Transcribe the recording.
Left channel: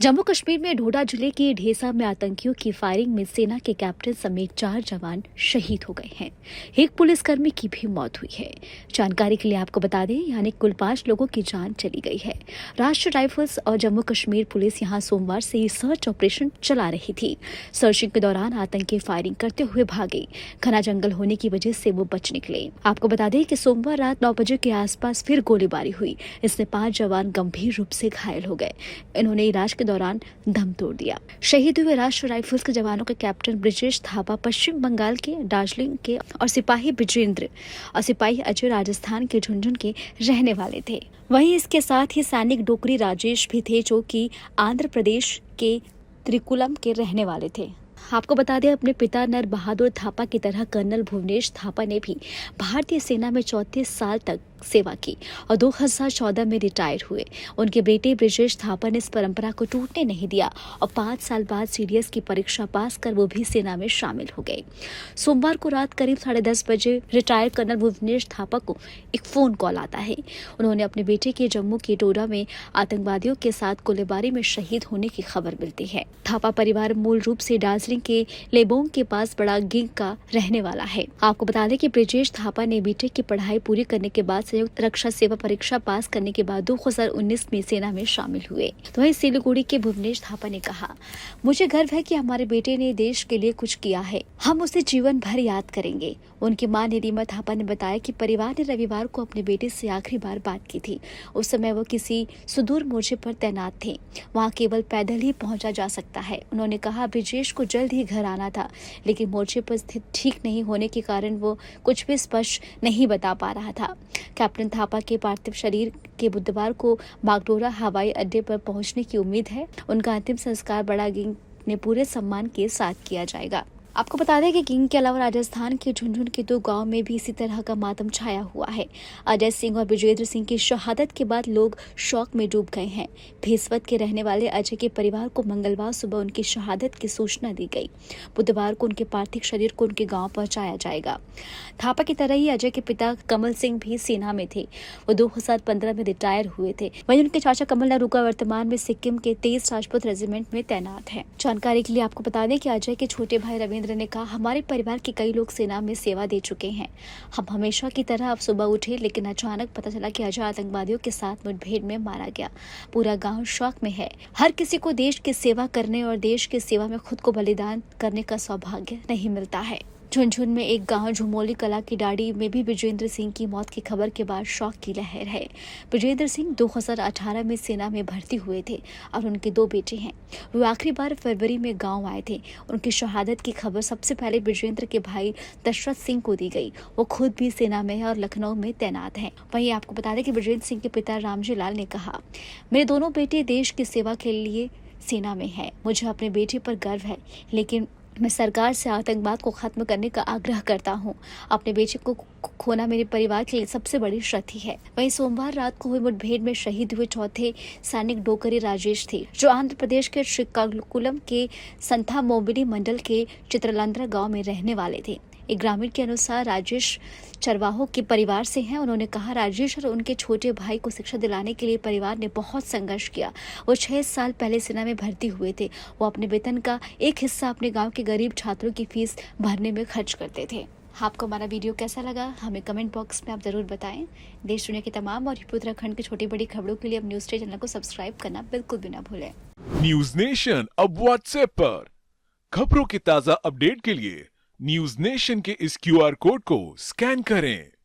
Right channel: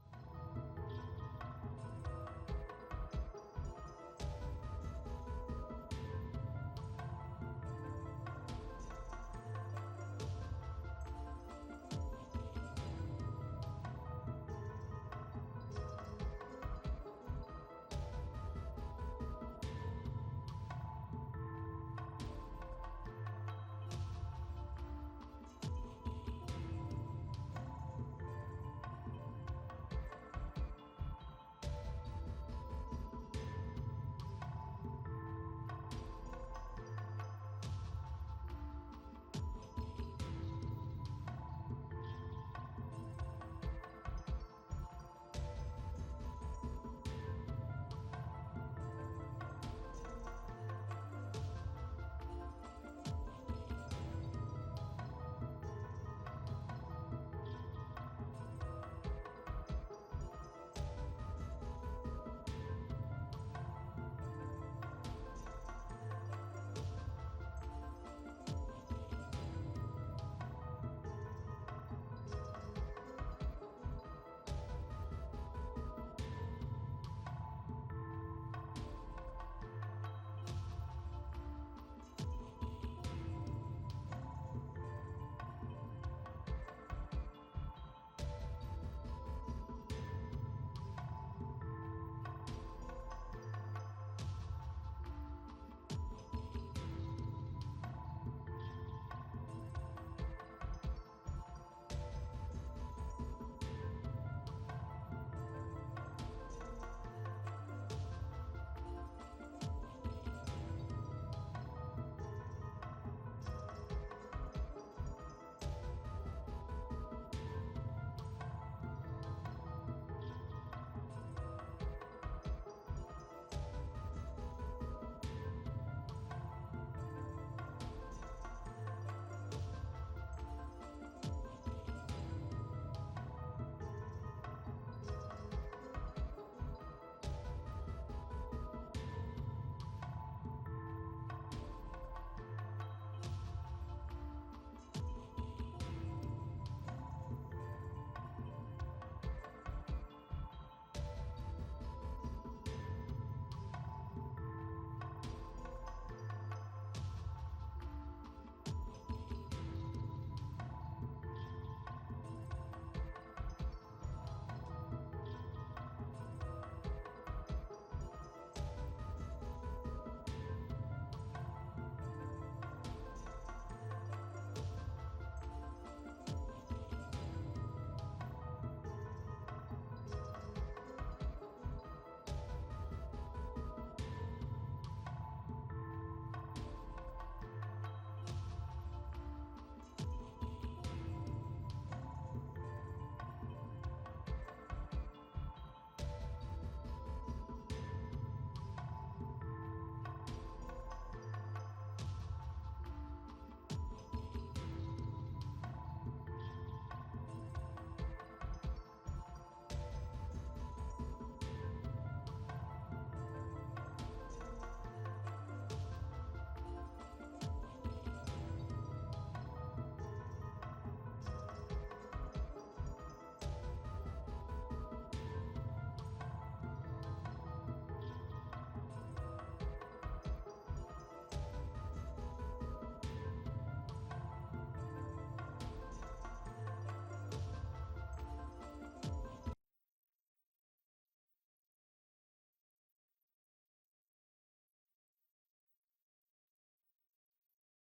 जम्मू कश्मीर में डोडा जिले के ढेसा में आतंकियों की फायरिंग में सेना के कैप्टन समेत 4 जवान शहीद हो गए हैं। एक पुलिसकर्मी की भी मौत हुई है। जानकारी के लिए आपको बता दें, यानी कुल 5 लोगों की जान चली गई है। राष्ट्रीय राइफल्स और जम्मू कश्मीर पुलिस यहां सोमवार से सर्च ऑपरेशन चला रही थी। सर्चिंग के दौरान आतंकी फायरिंग करते हुए भागे। घना जंगल होने की वजह से वो बच निकले। आपको बता दें कि सोमवार रात 9 बजे के आसपास फिर गोलीबारी हुई। इसमें 5 जवान गंभीर रूप से घायल हो गए। इन्होंने इलाज के दौरान दम तोड़ दिया। शहीद हुए राष्ट्रीय राइफल्स के जवानों के कैप्टन ब्रिजेश थापा पश्चिम बंगाल के दार्जिलिंग के और सिपाही बिजेंद्र और सिपाही अजय राजस्थान के झुंझुनू के रहने वाले थे। वहीं इसके साथ ही सैनिक डोकरी राजेश भी थे, जो कि आंध्र प्रदेश के त्रिकुलम के रहने वाले थे। आपको बता दें, अपने पिता नर बहादुर थापा की तरह कर्नल भुवनेश थापा ने भी भारतीय सेना में 34 साल तक सेवा की और 2014 में रिटायर हुए। उनके बेटे ब्रिजेश थापा ने इस परंपरा को टूटने नहीं दिया और 5 साल बाद सीडीएस की परीक्षा पास कर वो भी सेना में शामिल हो गए। सोमवार को रात करीब 10:30 बजे रिटायर्ड कर्नल भुवनेश थापा को एक फोन कॉल आता है। उन्होंने अपने बेटे के जम्मू के डोडा में आतंकवादियों के साथ गोलीबारी में शहीद होने की खबर मिलती है। थापा परिवार मूल रूप से दार्जिलिंग के लेबोंग के पास बड़ा गिंग का रहने वाला है। आपको बता दें कि ब्रिजेश थापा ने बीटेक की पढ़ाई पूरी करने के बाद संयुक्त रक्षा सेवा परीक्षा पास करने के बाद 2019 में सेना में शामिल हुए। तो वहीं सिलीगुड़ी के भुवनेश थापा ने कहा, मुझे गर्व है कि हमारे बेटे ने देश के लिए कुछ किया है। हम उसे जीवन भर याद करेंगे। उनकी मां निरीमा थापा ने बताया कि परिवार ने रविवार को अपने बेटे से आखिरी बार बात की थी। उस समय वो किसी सुदूर मोर्चे पर तैनात थे। वहां केवल पैदल ही पहुंचा जा सकता है। उन्होंने कहा, ब्रिजेश को जल्द ही घर आना था, लेकिन मोर्चे पर स्थित ठीक नहीं होने के कारण वो कुछ भी स्पष्ट नहीं बता पा रहा था। कैप्टन थापा के पार्थिव शरीर के बुधवार को बागडोरा हवाई अड्डे पर पहुंचने की उम्मीद है। उनका अंतिम संस्कार बड़ा गिंग ने पूरे सम्मान के साथ किया जाएगा। आपको बता दें कि गिंग के अलावा राजस्थान के झुंझुनू के 2 गांव में भी इसी तरह का मातम छाया हुआ है। अजय सिंह और विजेंद्र सिंह की शहादत के बाद लोग शौक में डूब गए हैं। भेसवत के रहने वाले अजय के परिवार को मंगलवार सुबह उनकी शहादत की सूचना दी गई। बुधवार को उनके पार्थिव शरीर को उनके गाँव पहुंचाया जाएगा। थापा की तरह ही अजय के पिता कमल सिंह भी सेना में थे। वो 2015 में रिटायर हुए थे। वहीं उनके चाचा कमल नरूका वर्तमान में सिक्किम के 23 राजपूत रेजिमेंट में तैनात है। जानकारी के लिए आपको बता दें कि अजय के छोटे भाई रविंद्र ने कहा, हमारे परिवार के कई लोग सेना में सेवा दे चुके हैं। हम हमेशा की तरह अब सुबह उठे, लेकिन अचानक पता चला कि अजय आतंकवादियों के साथ मुठभेड़ में मारा गया। पूरा गांव शौक में है। हर किसी को देश की सेवा करने और देश की सेवा में खुद को बलिदान करने का सौभाग्य नहीं मिलता है। झुंझुनू में एक गांव झुमोली कला की डाड़ी में भी विजेंद्र सिंह की मौत की खबर के बाद शौक की लहर है। विजेंद्र सिंह 2018 में सेना में भर्ती हुए थे और उनके 2 बेटे हैं। वो आखिरी बार फरवरी में गांव आए थे। उनकी शहादत की खबर सबसे पहले विजेंद्र के भाई दशरथ सिंह को दी गई। वो खुद भी सेना में है और लखनऊ में तैनात हैं। वहीं आपको बता दें कि विजेंद्र सिंह के पिता रामजी लाल ने कहा, मेरे दोनों बेटे देश की सेवा के लिए सेना में है। मुझे अपने बेटे पर गर्व है, लेकिन मैं सरकार से आतंकवाद को खत्म करने का आग्रह करता हूं। अपने बेटे को खोना मेरे परिवार के लिए सबसे बड़ी क्षति है। वहीं सोमवार रात को हुई मुठभेड़ में शहीद हुए चौथे सैनिक डोकरी राजेश थे, जो आंध्र प्रदेश के श्रीकाकुलम के संथा मोबिनी मंडल के चित्रलंद्रा गांव में रहने वाले थे। एक ग्रामीण के अनुसार राजेश चरवाहों के परिवार से हैं। उन्होंने कहा, राजेश और उनके छोटे भाई को शिक्षा दिलाने के लिए परिवार ने बहुत संघर्ष किया। वो 6 साल पहले सेना में भर्ती हुए थे। वो अपने वेतन का एक हिस्सा अपने गांव के गरीब छात्रों की फीस भरने में खर्च करते थे। आपको हमारा वीडियो कैसा लगा, हमें कमेंट बॉक्स में आप जरूर बताएं। देश दुनिया की तमाम और उत्तराखंड की छोटी बड़ी खबरों के लिए अब न्यूज़ डे चैनल को सब्सक्राइब करना बिल्कुल भी ना भूलें। न्यूज नेशन अब व्हाट्सएप पर खबरों के ताजा अपडेट के लिए न्यूज नेशन के इस क्यूआर कोड को स्कैन करें।